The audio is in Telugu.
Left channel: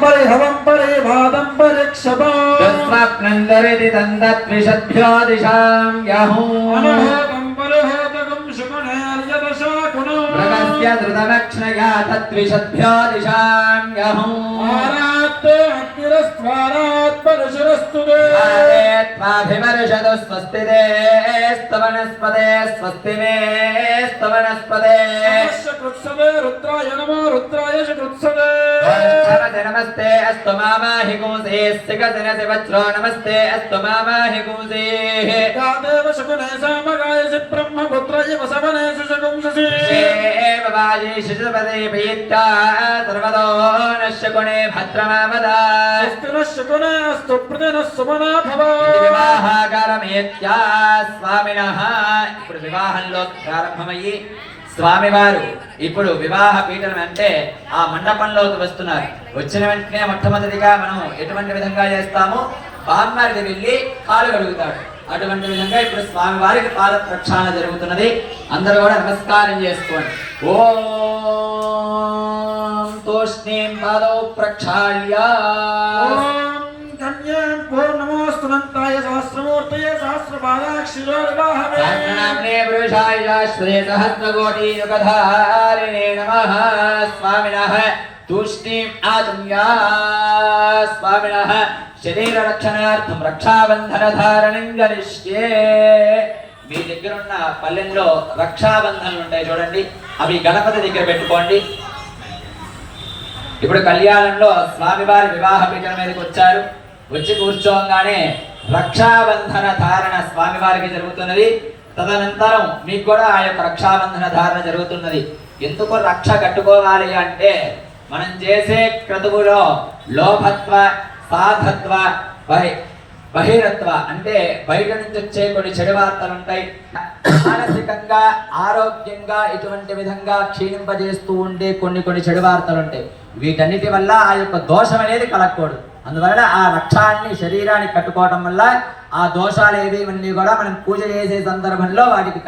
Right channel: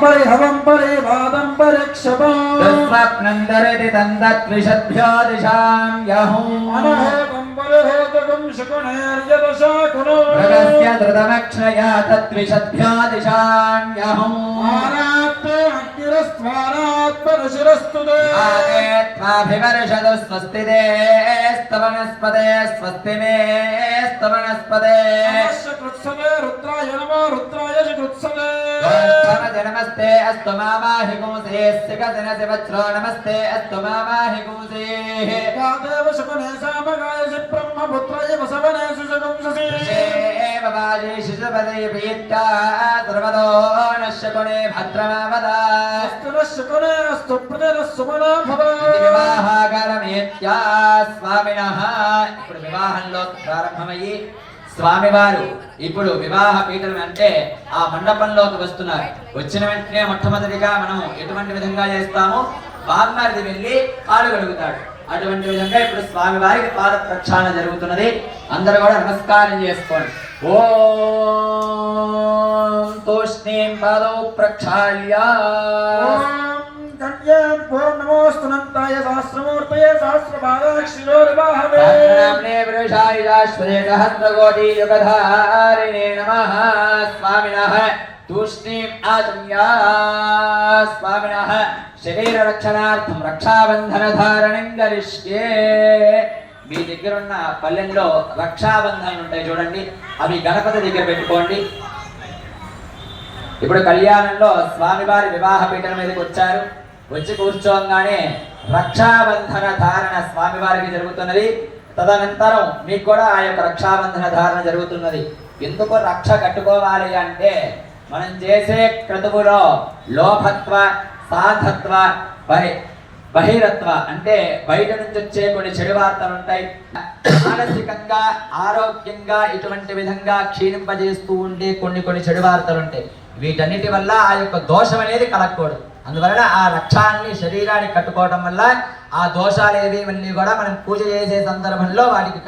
పరి హవం పరి వాదం పరిక్షపం యస్వప్నందరితి తందత్విషద్భ్యో దిశాం యహూ. అనహోతం పరిహోతకం శకునేర్యవశాకుణో ప్రగస్య ధృతమక్షయా తత్విషద్భ్యో దిశాం యహూ. ఆరాత్త అగ్నిరస్త్వారాత్ పరశురస్తు ఆదేత్వాభివర్షదు స్వస్తి స్తవనస్పదే స్వస్తి మే స్తవనస్పదే కృత్సవే రుద్రాయ నమో రుద్రాయ కృత్సవే. నమస్తే నమస్తే అస్తు మామాహి గుంసే సిగసిన శివచ్రో నమస్తే అస్తు మామాహి గుంసే దేవ శకునే సామగాయసి బ్రహ్మపుత్రాయ వసవనేషు శకుంససి బాజీ శిశుపదే పీత్తా సర్వదో నశ్యకుణే భద్రమావదా శకునే అస్తు ప్రజన సుమనా భవ వివాహాకారమేత్యా స్వామినః ఇప్పుడు వివాహంలో ప్రారంభమయ్యి స్వామివారు ఇప్పుడు వివాహ పీఠం అంటే ఆ మండపంలోకి వస్తున్నారు. వచ్చిన వెంటనే మొట్టమొదటిగా మనం ఎటువంటి విధంగా చేస్తాము బామ్మరిది వెళ్ళి కాలు కడుగుతాడు. అటువంటి విధంగా ఇప్పుడు స్వామి వారికి పాద ప్రక్షాళన జరుగుతున్నది. అందరూ కూడా నమస్కారం చేసుకోండి. ఓ తోష్ణీం పాదౌ ప్రక్షాళ్యా ఓం కన్యాం పూర్ణమోస్తునంతాయ సహస్రమూర్తయే సహస్రపాదాక్షిలో వివాహమే సహస్రనామ్నే పురుషాయ శాశ్వతే సహస్రకోటి యుగధారిణే నమః శరీర రక్షణార్థం రక్షాబంధన ధారణం గరిష్యే మీ దగ్గర ఉన్న పల్లెల్లో రక్షాబంధనలు ఉంటాయి చూడండి. అవి గణపతి దగ్గర పెట్టుకోండి. ఇప్పుడు కళ్యాణంలో స్వామివారి వివాహ పీఠం మీదకి వచ్చారు. వచ్చి కూర్చోగానే రక్షాబంధన ధారణ స్వామివారికి జరుగుతున్నది. తదనంతరం మీకు కూడా ఆ యొక్క రక్షాబంధన ధారణ జరుగుతున్నది. ఎందుకు రక్ష కట్టుకోవాలి అంటే మనం చేసే క్రతువులో లోభత్వ సాధత్వ బహి బహిరత్వ అంటే బయట నుంచి వచ్చే కొన్ని చెడు వార్తలు ఉంటాయి. మానసికంగా ఆరోగ్యంగా ఇటువంటి విధంగా క్షీణింపజేస్తూ ఉండే కొన్ని కొన్ని చెడు వార్తలు ఉంటాయి. వీటన్నిటి వల్ల ఆ యొక్క దోషం అనేది కలగకూడదు. అందువలన ఆ రక్షాన్ని శరీరాన్ని కట్టుకోవడం వల్ల ఆ దోషాలు ఏవి ఇవన్నీ కూడా మనం పూజ చేసే సందర్భంలో వాటికి